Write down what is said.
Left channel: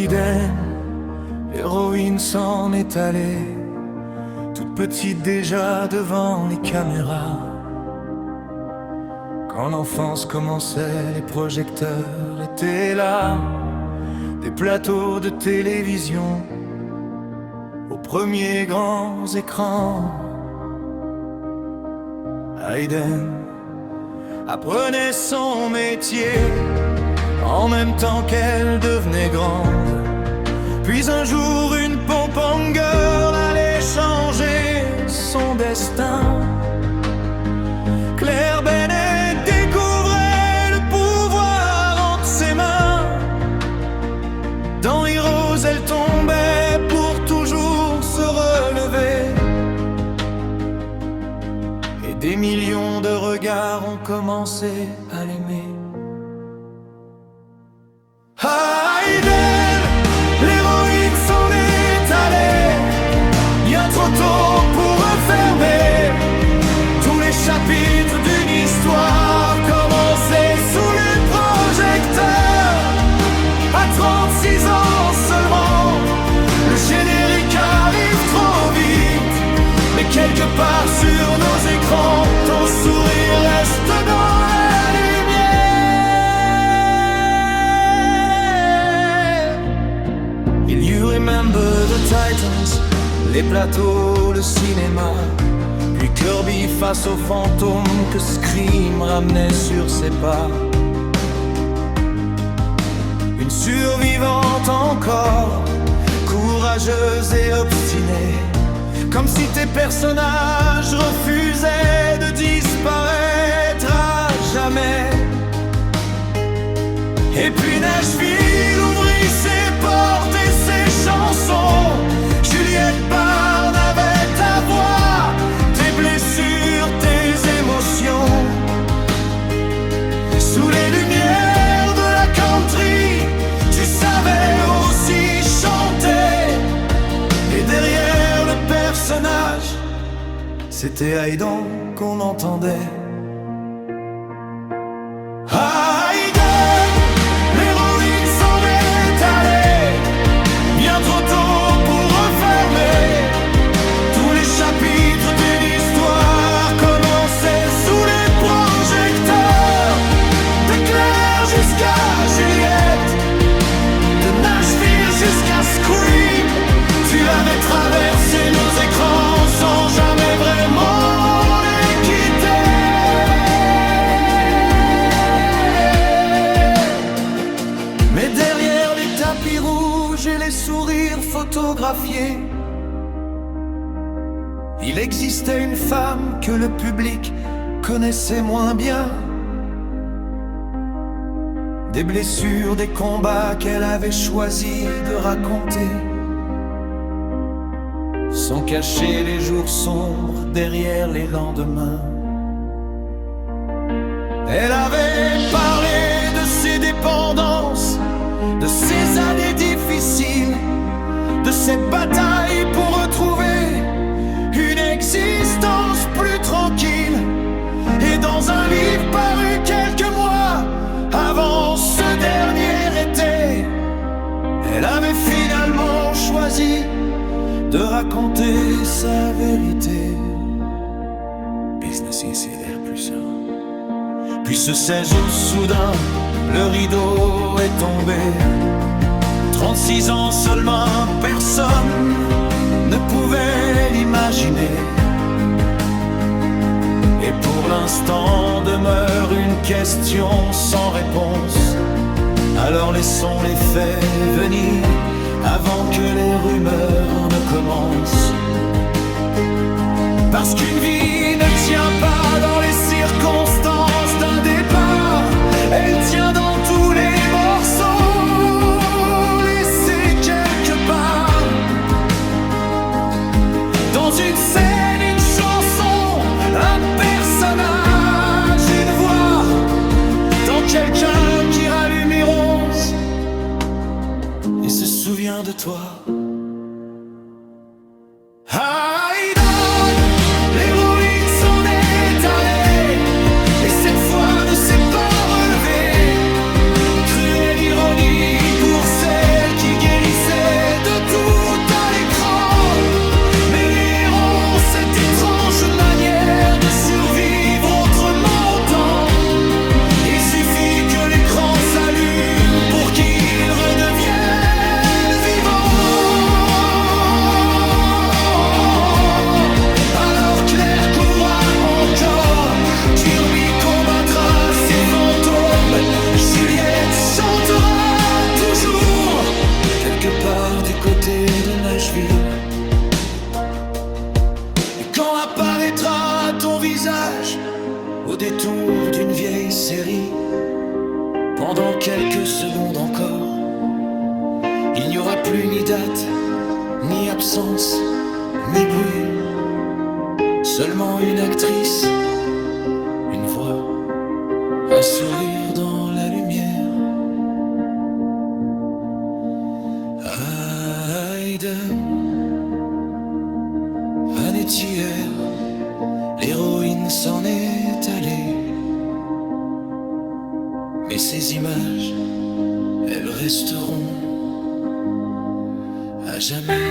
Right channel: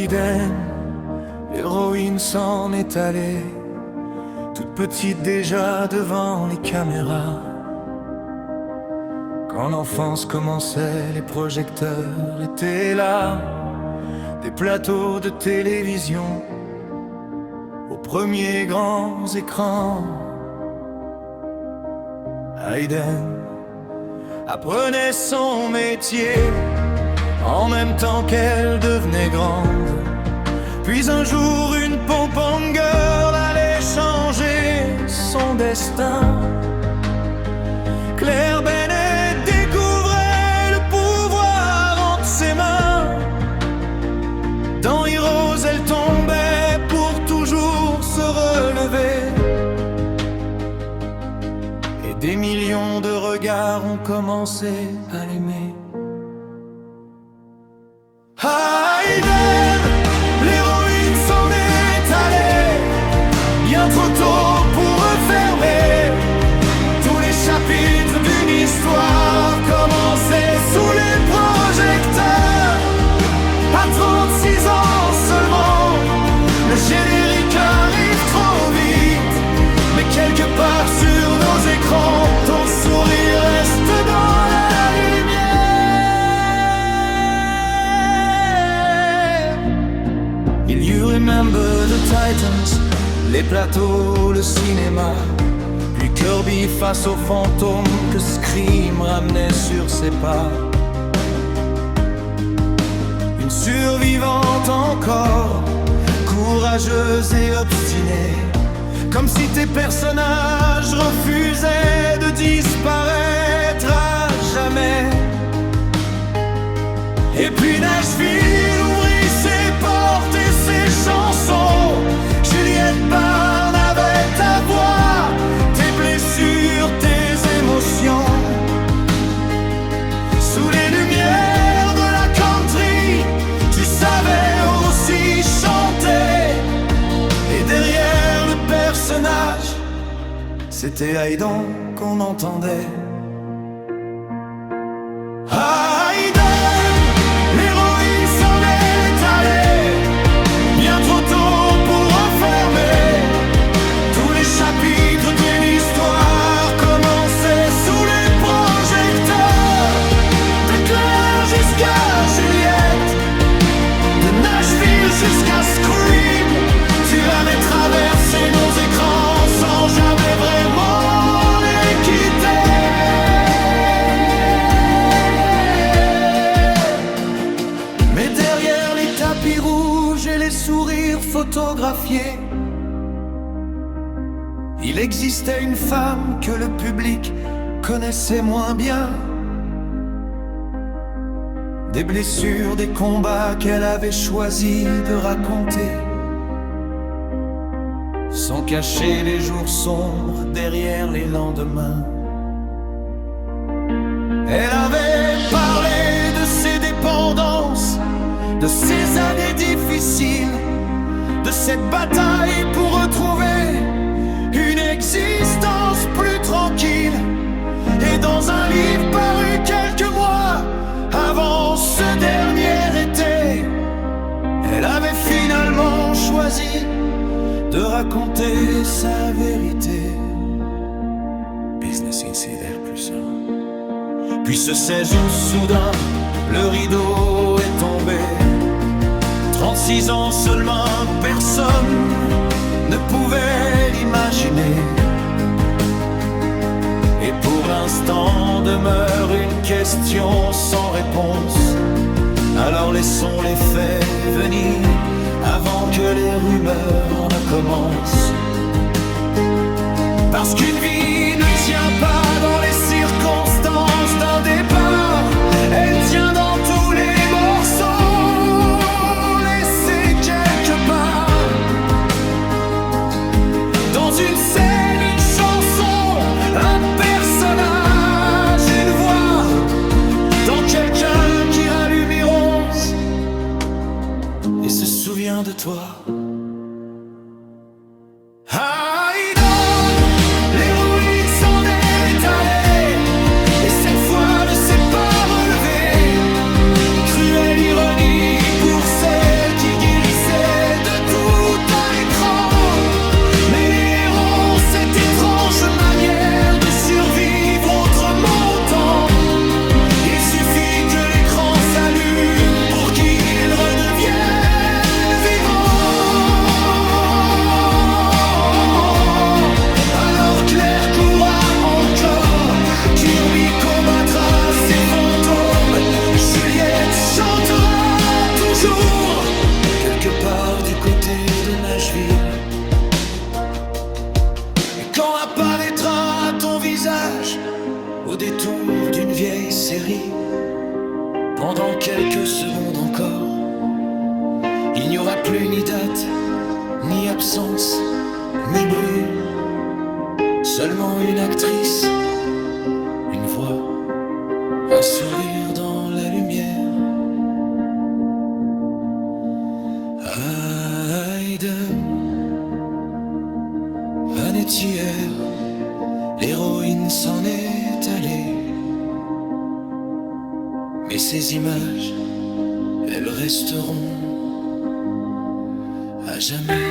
Haydn, l'héroïne s'en est allée, toute petite déjà devant les caméras. Quand l'enfance commençait, les projecteurs étaient là, des plateaux de télévision aux premiers grands écrans. Haydn apprenait son métier en même temps qu'elle devenait grande. Puis un jour une pom-pom girl allait changer son destin. Claire Bennett découvrait le pouvoir entre ses mains. Dans Heroes, elle tombait pour toujours se relever. Et des millions de regards ont commencé à l'aimer. Haydn, l'héroïne s'en est allée, bien trop tôt pour refermer tous les chapitres d'une histoire commencée sous les projecteurs. À 36 ans seulement, le générique arrive trop vite, mais quelque part sur nos écrans, ton sourire reste dans la lumière. Il you remember the Titans, les plateaux, le cinéma, puis Kirby face aux fantômes que Scream ramenait sur ses pas. Une survivante encore, courageuse et obstinée, comme si tes personnages refusaient de disparaître à jamais. Et puis Nashville ouvrit ses portes et ses chansons. Juliette Barnes avait ta voix, tes blessures, tes émotions. Sous les lumières de la country, tu savais aussi chanter. Et derrière le personnage, c'était Haydn qu'on entendait. Haydn, l'héroïne s'en est allée, bien trop tôt pour refermer tous les chapitres d'une histoire commencée sous les projecteurs. De Claire jusqu'à Juliette, de Nashville jusqu'à Scream, tu avais traversé nos écrans sans jamais vraiment les quitter. Mais derrière les tapis rouges et les sourires photographiés, il existait une femme que le public connaissait moins bien. Des blessures, des combats qu'elle avait choisi de raconter, sans cacher les jours sombres derrière les lendemains. Elle avait parlé de ses dépendances, de ses années difficiles, de cette bataille pour retrouver une existence plus tranquille. Et dans un livre paru quelques mois avant ce dernier été, elle avait finalement choisi de raconter sa vérité. Business insider plus un. Puis ce 16 août, soudain, le rideau est tombé. 36 ans seulement, personne ne pouvait l'imaginer. Et pour l'instant demeure une question sans réponse. Alors laissons les faits venir avant que les rumeurs ne commencent. Parce qu'une vie ne tient pas dans les circonstances d'un départ, elle tient dans tous les morceaux laissés quelque part. Dans une scène, une chanson, un personnage, une voix, dans quelqu'un qui rallume une rose et se souvient de toi. Haydn, l'héroïne s'en est allée, et cette fois ne s'est pas relevée. Cruelle ironie pour celle qui guérit. suffit que l'écran s'allume pour qu'il redevienne vivant. Alors Claire courra encore, Kirby combattra ses fantômes, Juliette chantera toujours quelque part du côté de Nashville. Et quand apparaîtra ton visage au détour d'une vieille série, pendant quelques secondes encore, il n'y aura plus ni date, ni absence, ni bruit, seulement une actrice, une voix, un sourire dans la lumière. Hayden, Vanetière, l'héroïne s'en est allée. Mais ces images, elles resteront à jamais.